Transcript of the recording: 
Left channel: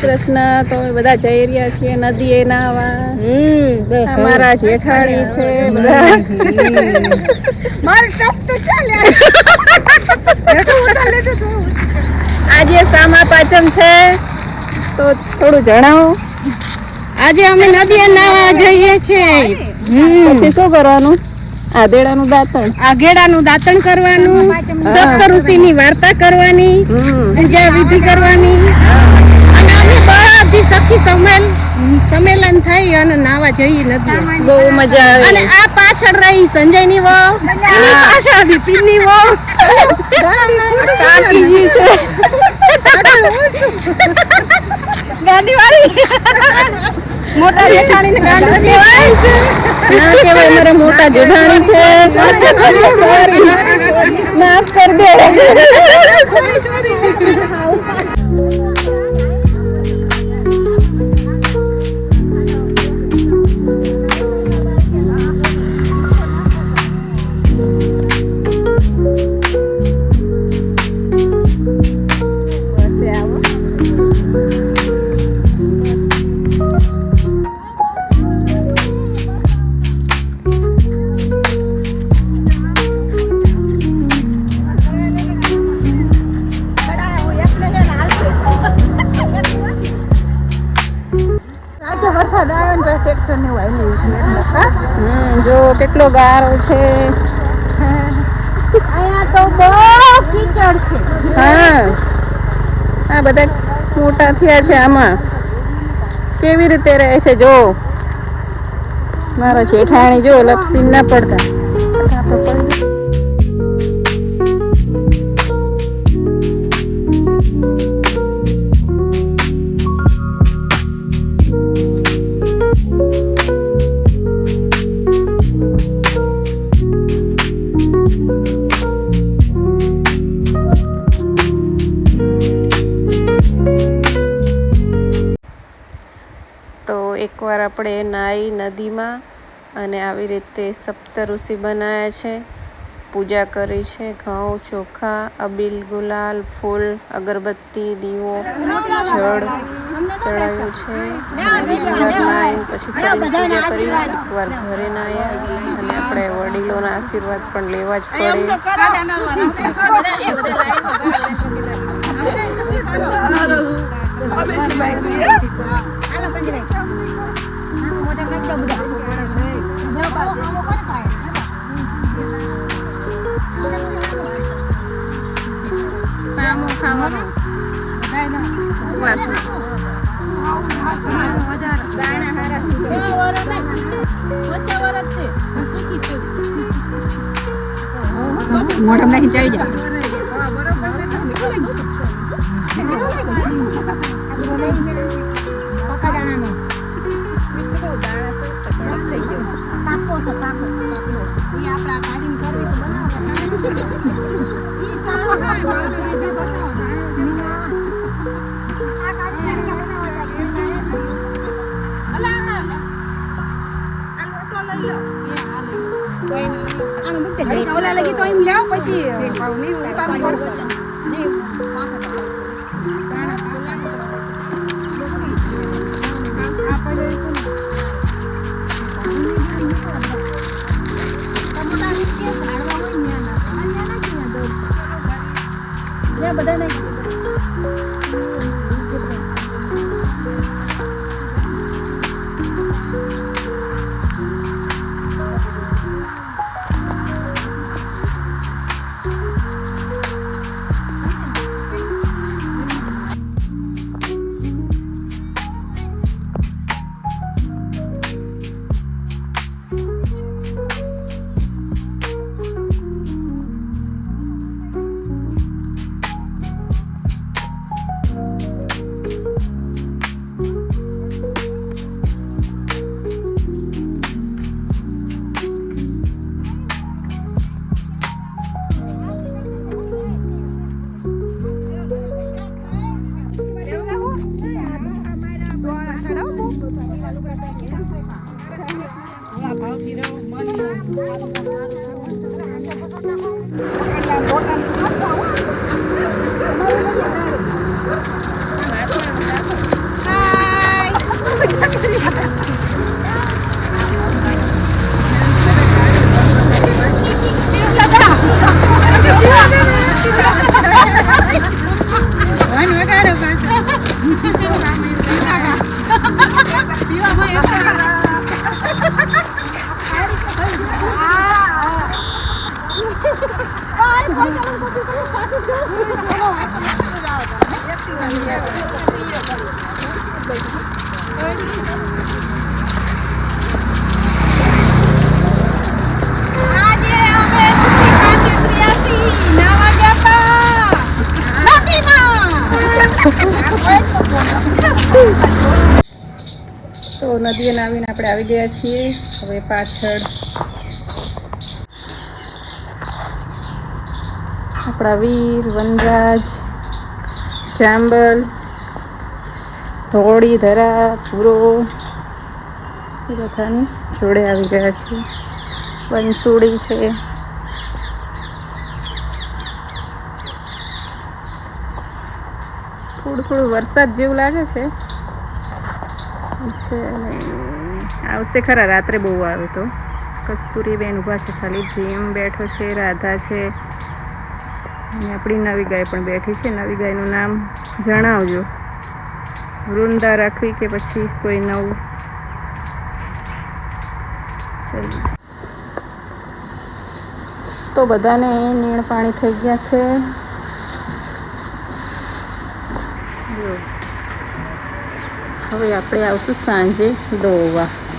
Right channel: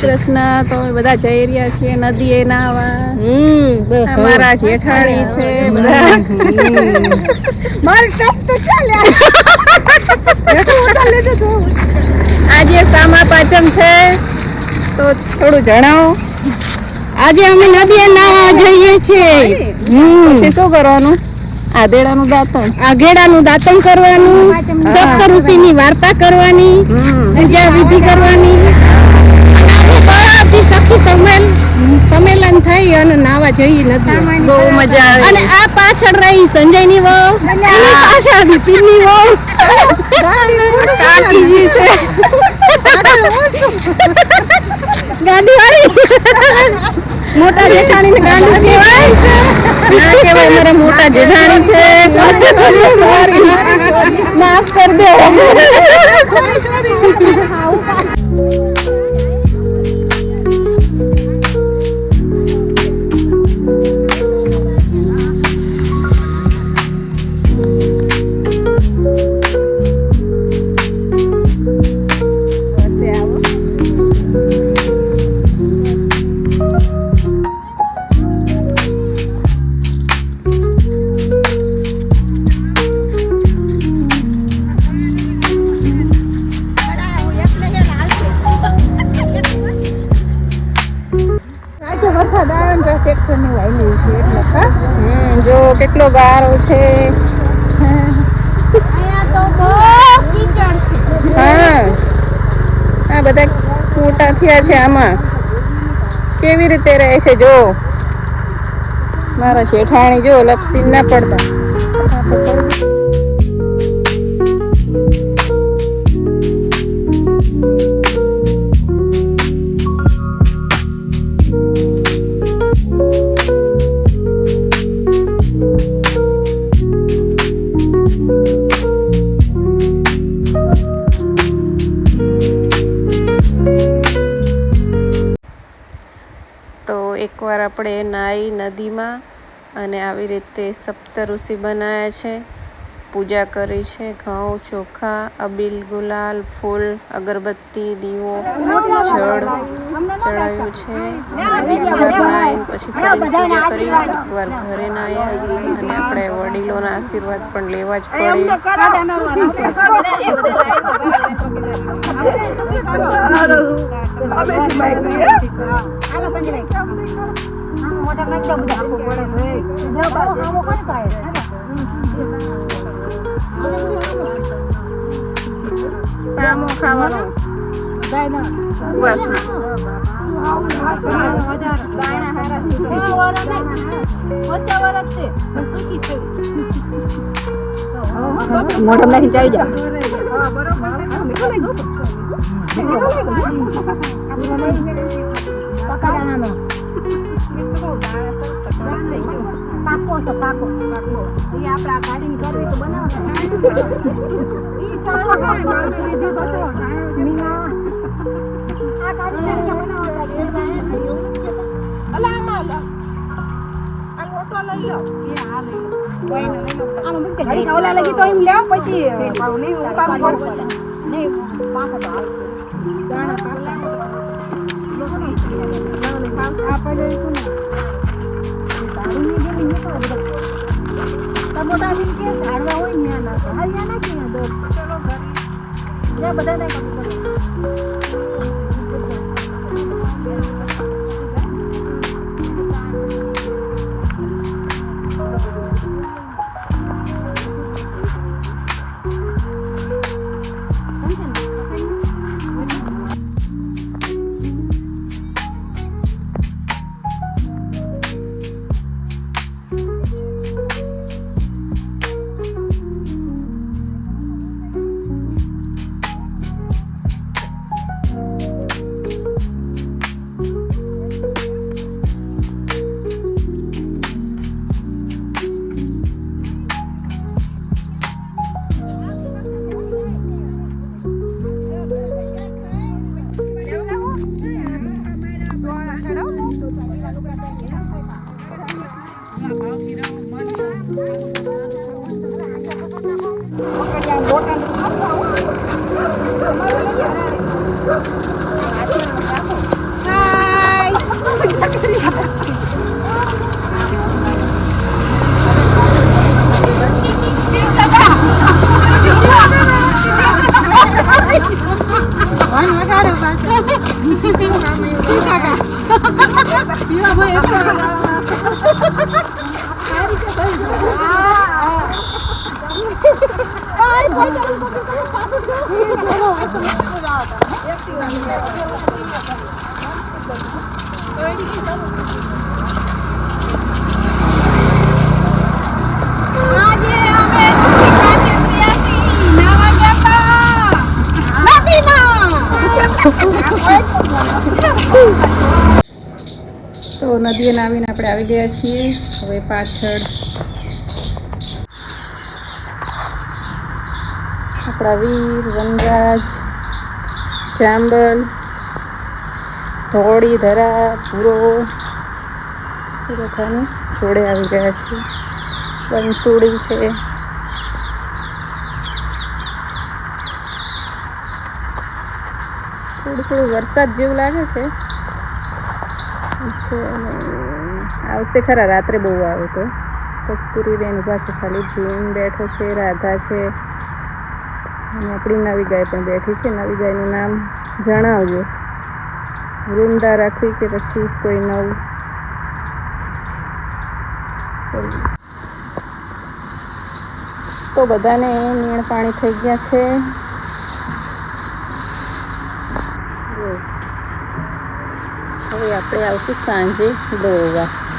કૃષ્ણ તો અમે બધા જઈ રહ્યા છીએ નદીએ નાહવા. અમારા જેઠાણી છે આજે સામા પાંચમ છે તો થોડું જણાવો. આજે અમે નદીએ નાહવા જઈએ છીએ. પછી શું કરવાનું? આધેડાનું દાંતણ કરવાનું, સપ્ત ઋષિની વાર્તા કરવાની, પૂજા વિધિ કરવાની અને બધી સખી સંમેલન થઈ અને નાવા જઈ નથી. બહુ મજા આવે. અને આ પાછળ રહી સંજયની વહુ, પાછળ વિપિનની વહુ, કાકીજી છે ગાડી વાળી. મોટા જેઠાણી ને ગાડી કહેવાય. અમારા મોટા જેઠાણી છે. માફ કર દે. કેટલો ગારો છે અહીંયા તો બહુ કીચડ છે. હા આ બધા મોટા થયા છે. આમાં કેવી રીતે રહે છે જો મારા જેઠાણી. જો લપસી ના પડતા. એકવાર આપણે નાઈ નદીમાં અને આવી રીતે સપ્ત ઋષિ બનાવ્યા છે, પૂજા કરી છે, ઘઉં ચોખા, અબીલ, ગુલાલ, ફૂલ, અગરબત્તી, દીવો, જળ ચડાવ્યું છે. અને બીજી વાર નાઈને પછી ફરીને પૂજા કરી. એકવાર ઘરે નાહ્યા અને આપણે વડીલોના આશીર્વાદ પણ લેવા જ પડે. સામો ખાવાનો મોઢમ નાખીને ચાવી જા. લગી તો એમ લેવ પછી ગયા છીએ. હવે પાછળ આપણા વીર વનરાજ, ચાંબલ, ધોળી, ધરા, પૂરો બધાની જોડે આવી ગયા છે. બંસુડી છે. થોડું વરસાદ જેવું લાગે છે. આવશે ખરા, રાત્રે બહુ આવ્યો તો. કસ્તુરી બેન ઊભા છે, ખાલી જેમ બેઠો છે. રાધા છે અને આપણી નવી ગાય પણ બેઠી છે. નવી ગાયનું નામ જણાવજો. વૃંદા રાખવી કે પછી કોઈ નવું? તો બધાને નીણ પાણી થઈ ગયા છે. હવે આપણે આવશું સાંજે દોવા.